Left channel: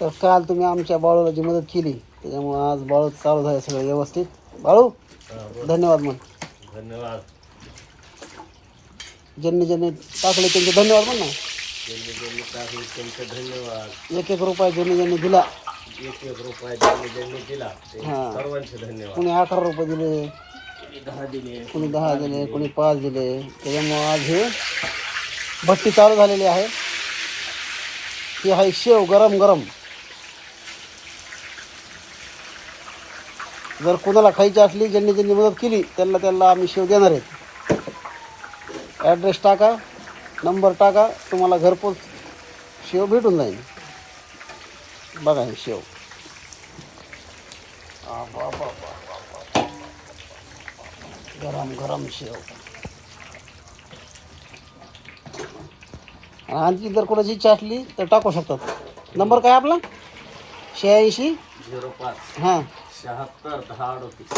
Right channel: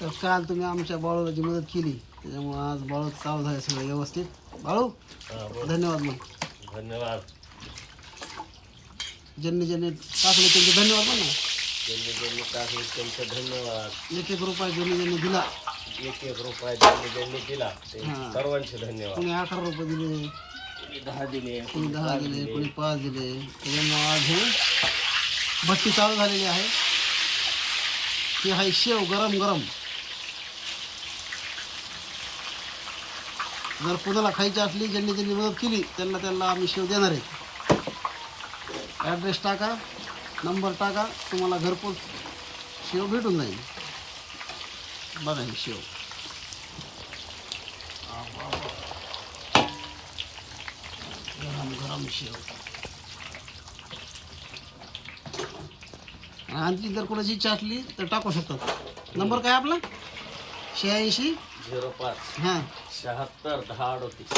तर काल तुम्ही आमच्या बाळूला जी मदत केली. त्याच्यामुळे आज बाळू चालू झाले सगळं व्यवस्थित. बाळू धन्यवाद मग धन्यवाद. ज्यांनी ज्यांनी टाकले त्यांचे धन्यवाद म्हण. ना ज्यांनी ज्यांनी टाकले त्यांचे धन्यवाद. एक एक रुपया ज्यांनी ज्यांनी दिला. एक एक रुपया ज्यांनी ज्यांनी दिला ते हा. सर्वांचे धन्यवाद. कोणी अकरा रुपये दिले कोणी दहा दिले. कोणी दहा दिले. कोणी पाच दिले. त्याच्यामुळे आज हे भट्टी चालू झालेली आहे. ती आहे शेव गरम गरम. जर कोणाला खायची असली ज्यांनी ज्यांनी मदत केली त्यांना त्यांना आम्ही शेव देणार आहेत ॲड्रेस टाका नंबर टाका तुम्हाला घरपोच शेव भेटून जाईल. बघा हे शेव. गरम गरम शेव. आणखी जर कोणाची इच्छा असली तर टाकू शकतात. नंबर काय आपला? शहाऐंशी झिरो पाच. हां. शहात्तर दहा अडतीस.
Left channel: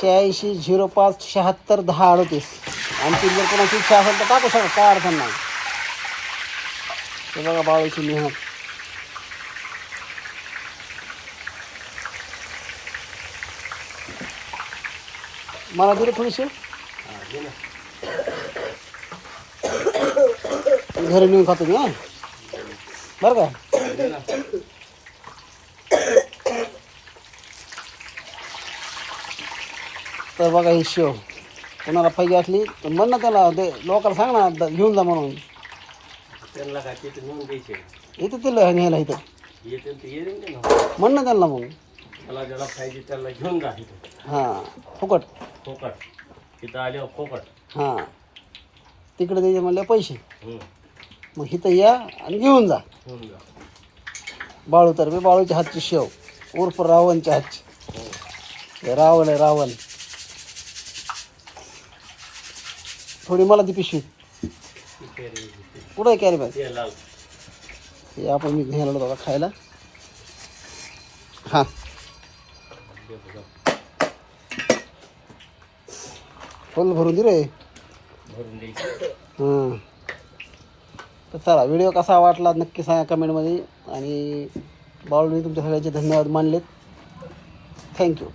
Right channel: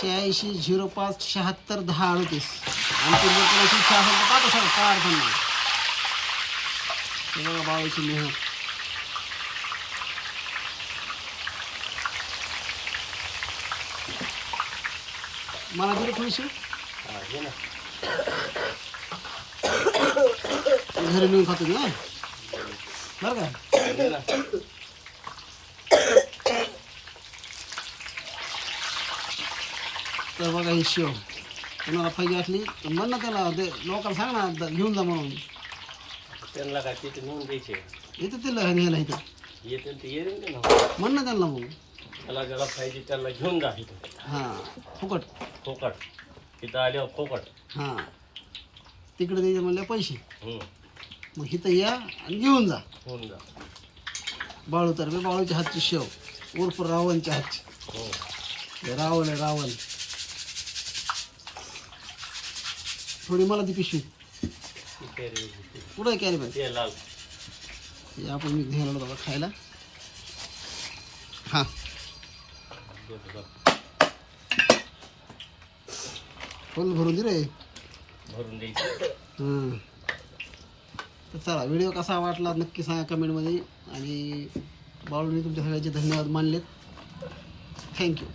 शहाऐंशी झिरो पाच शहात्तर दहा अडतीस. आणखी जर कोणाची इच्छा असेल तर टाकू शकता काय अडचण नाही. ते बघा बाळूची मेहनत. मला दिली थोडीशी? ना. घरी नेऊन खातो हां. बरं का घे ना. तर बघा ही शेव. कोणाला पाहिजे असली तर म्हण ना त्याला ते लोकांना सांग ना द- घेऊन जा म्हणून. त्यांना काय तिथे नेऊन द्यायचे? येते तिला न्यायला इथं. येते ते येऊन दे ना. म्हण ना त्यांना मग. त्याला ज्याला पाहिजे त्याला घेऊन जा इथं. हां फुकट. फोकट. इथं आल्यावर फोकट. हां. तिकडे द्यायचे म्हणले पैसे. हम्म. मग इथं या आणि घेऊन जा. घेऊन जा. बाळू तर मी बाळूच्या हातची शेव. उर्फ रावणच्या हातची. हो. हे. रावण आहे रावण. थोडी मला ती पिशवी. कुठं आहे कॅरी लाल. हे आपण मी घ्यायला आता खायला. हां. फुल भरून दे रे. हां. तर चला व्हिडिओ कसा वाटला नक्की सांगा कमेंटमध्ये आणि बाळूने तुमच्या सगळ्यांचे धन्यवाद मानलेत. थँक्यू